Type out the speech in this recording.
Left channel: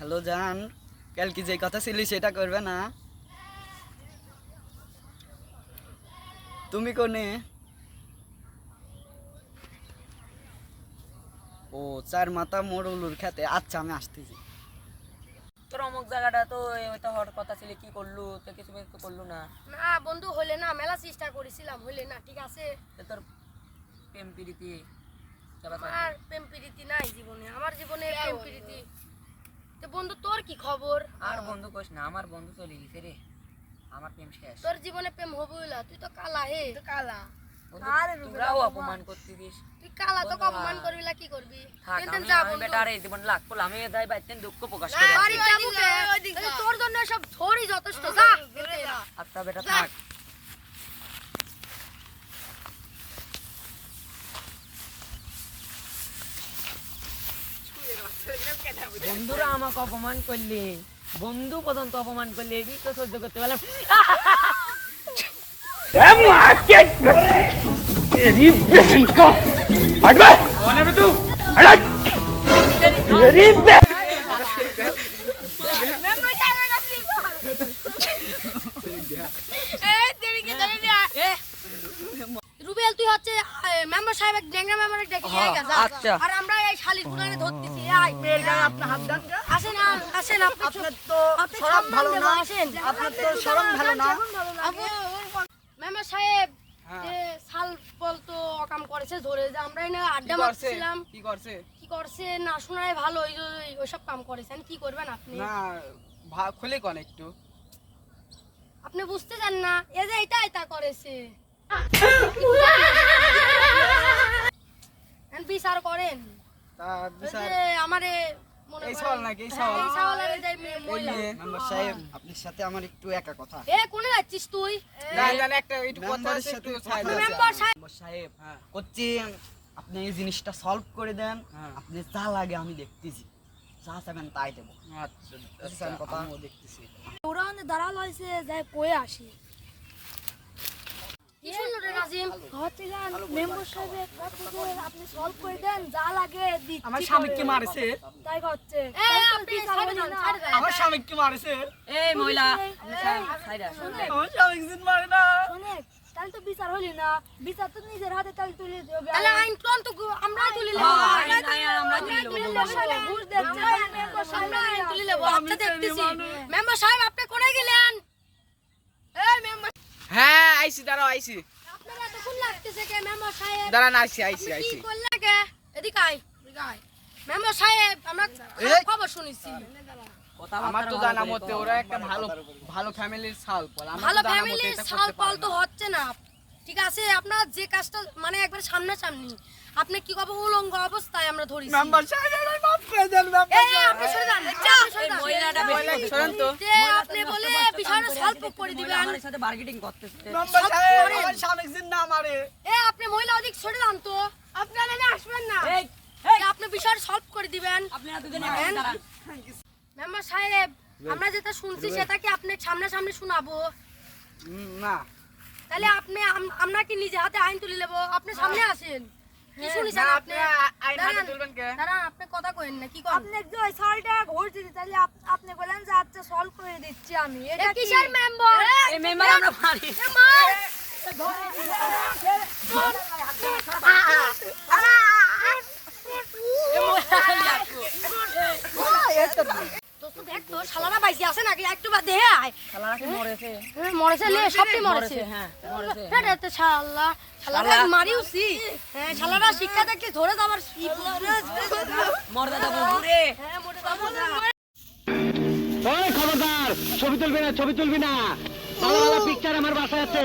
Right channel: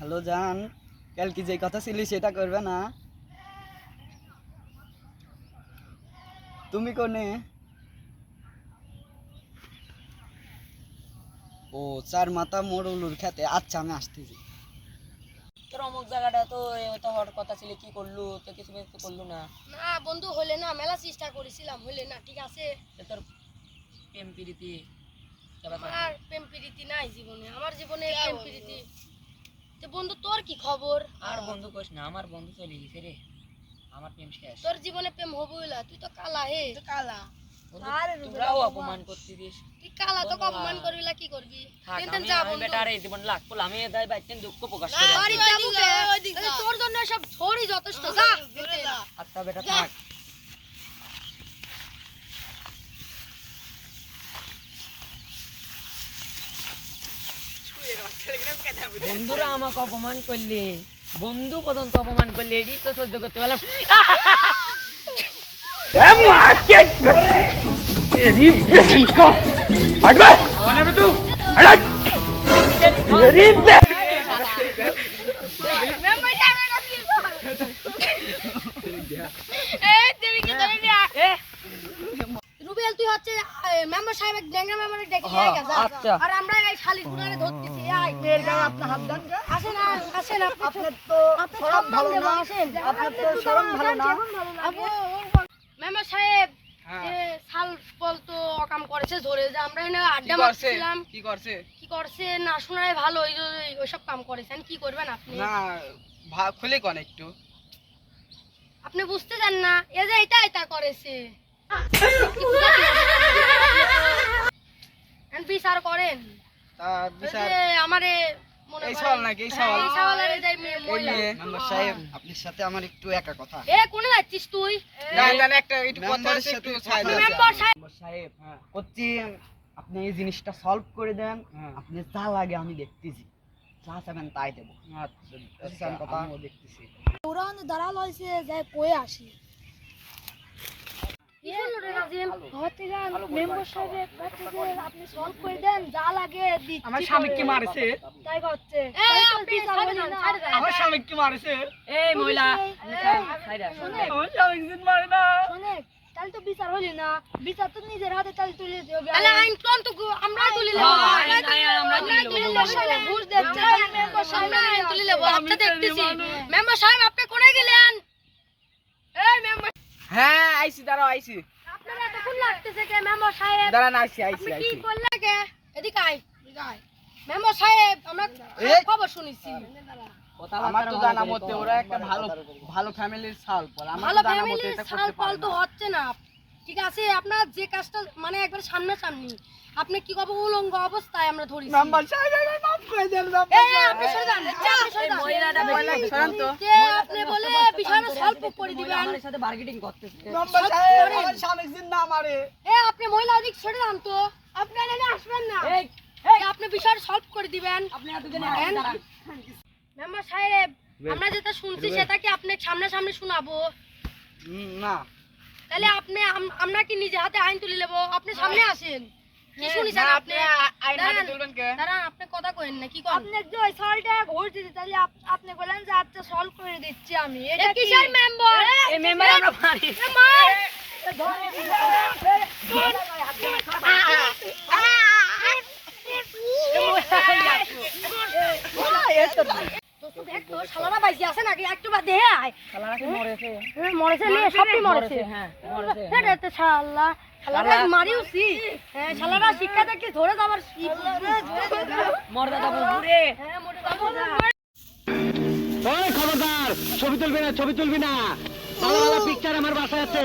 Hello জান, কাল কি যে কথা ছিল সেটা করবে না? তুমি কোনে? ও চার মাথা মোড়লুর খেতে। আচ্ছা আমি আসতেছি। তোর অমুক জায়গাটা তো ওইটা হওয়ার কথা ছিল, কি করলু? তো কিছু তো করলু না। না বন্ধু হইলে না, মেলা চেষ্টা করেছিলাম, হইলে না। ঠিক আছে, তোর প্রেম প্রীতি আর প্রেম প্রীতি নাই জীবনে, আমার জীবনে প্রেম প্রীতি। তো বন্ধু তোর কি খবর? আর বন্ধু কইস না, আমার বন্ধু চলে গেছে রে, আমার প্রেম শেষ। তোর জীবনে প্রেম হবইলা, তুই তো কালা হে। কালা আরে তোরাও অপমান করতিস। তুই কালা তো অপমান করবিলা, কি করবি? আমি বেটা রে জীবন লাখ পড়লাম, আমি যাই বাইতেন দুঃখ প্রকাশ করে বাড়ি যাবো কে? তোর জন্য সব ছড়ি যথেষ্ট। যা আচ্ছা বেটা থাক। বন্ধুরা আমাকে অপমান করলে, বন্ধু পর্যন্ত অপমান করলে, এটি তো সহ্য করতে পারলাম। রুবেল তুই হচ্ছে মেম্বার সাহেব ডেঙ্গা মেম্বারে ডেকে নিয়ে গেছে। আচ্ছা আর আমরা এই শালির গুনারে ধরতেছি। আই আপনি হাত দেন। আসেন আসেন, আপনি তো শরম ভালো না। আসেন, আপনার তো শরম ভালো না। আপু মেম্বার সাহেব শাল বল তো অকাম করেছে, ধরে যে আমরা এনে আড্ডা মারছিলাম। কি করছে না শোনায় ভালো, ওইসব কাম করেছেন। কি করবেন আপনি? না খুলে কোন একটু। আপনি বুঝতে চান না, এ যে এটা করেছে। বিচার করেন। তা বিচার আমারে মনে এই করেন সওয়াল নাকি? এই সওয়াল? এই সওয়ালের এই মহিলা। মেম্বার সাহেব আপনার সাথে আমার একটু একা কথা। কোনে যাচ্ছিস তুই? একটা একটু কথা আছে, একটু ছাইলে আছে। মেম্বার সাহেব মেম্বার সাহেব করছি, আপনি এই জিনিসটা সলভ করে দেন। আপনি যা লাগে আমি দেখতেছি, যা চাবেন তাই দেবো। আচ্ছা কথা আমিও দেখতেছি। ওরা দাঁড়াল হয়েছে, যাই কয়ে আসি। কি শুনলো রে নাজিম? হচ্ছে গান মেম্বার সাহেবের কাছে যে আপনি সলভ করে দেন, যা লাগে দিচ্ছি। আমার স্বামীকে মারেছে। তাই করছে। আপনি ছাড়ে দেন, ছাড়ে দেন। আমার স্বামীকে মারেছে। এই মহিলা আপনি সাইডে আসুন। আমার স্বামীকে জিন মারে না। শুনে তাহলে তো বিচার হলি না, বিচার তো নিজের হাতে তাহলে তুলে দিও। তাহলে আইন কোন তো আমরা তুলে নেব। আমরা তুলে নেব। ঘুষ দিচ্ছে মেম্বার সাহেব, আইন তুলে নেব। আচ্ছা দেখতেছি। মেম্বার সাহেব আপনি কোনে গেলেন? এই মেম্বার হ্যাঁ আইছি, দাঁড়াও আইছি। আপনারা এতক্ষণ লাগতেছে কে? মেম্বার সাহেব দাঁড়ান আইছি আপনি কি করলে কে? এদিকে আয়, এদিকে আয়। মেম্বার সাহেব আমরা খবর শুনেছি। আমার তো জানা মতে ওরা একটা ভালো ভালো ফ্যামিলির ছাল পল। ভালো ফ্যামিলির ছাল পাল তো হচ্ছে না। ঠিক আছে, আপনার যে কাজটা মানে একবার সামনাসামনি, আপনি কি কবে উলঙ্গ অবস্থায় আমরা ধরেছি। মেম্বার সাহেব মাফ করে দেন। আপনি সরে যান। এই মহিলাটা বেশি সরেন তো। আপনি বলে বিষয়টা সলভ করে দিবেন। আমার সাথে বার্গেটিং করতেছে। মেম্বার সাহেব আমার স্বামীকে জিন না মারে। আপনি মহিলা ওদিক সরে যান তো। আপনারা না আসবেন না। এই আপনি বিষয়টা সলভ করে দিবেন। আপনি দুজনে আছেন দাঁড়ান। মেম্বার সাহেব আমরা যেটা শুনছি সেটা কি আপনি সামনাসামনি শোনাবো? না তাহলে আপনি আমরা কি নিজে হাতে আইন তুলে নেব? আপনি সামনে আসেন। কি শুনিছেন আপনি? আইন হাতে তুলবেন কে? দাঁড়ান, আপনি কথা কইেন না। কি কোন? আপনি যে ওই সলটা ঘুর দিতে তাহলে আপনি বলেন যে আচ্ছা সলভ করে দিচ্ছি আমি। এটা কিসের মেম্বার? এই মেম্বার আমরা পারি। তো দেখ তো শালারা বাইসি আছে নাকি? একটু বাদ দে আয়। শালারা কি মরেছে? মরেছে লে, সবই মরেছে। হ্যাঁ মরেছে। এটা তো শালা শালারা মারিউছি। শালারা শিক্ষা থেকে ধরে যাবার মরে দাদা বুড়ে। মোটে যাবো যা। খবরদার ছবি তুলবি না, ছবি তুলবি না। ভালো ভালো পিকচার আমার বাসায় আছে।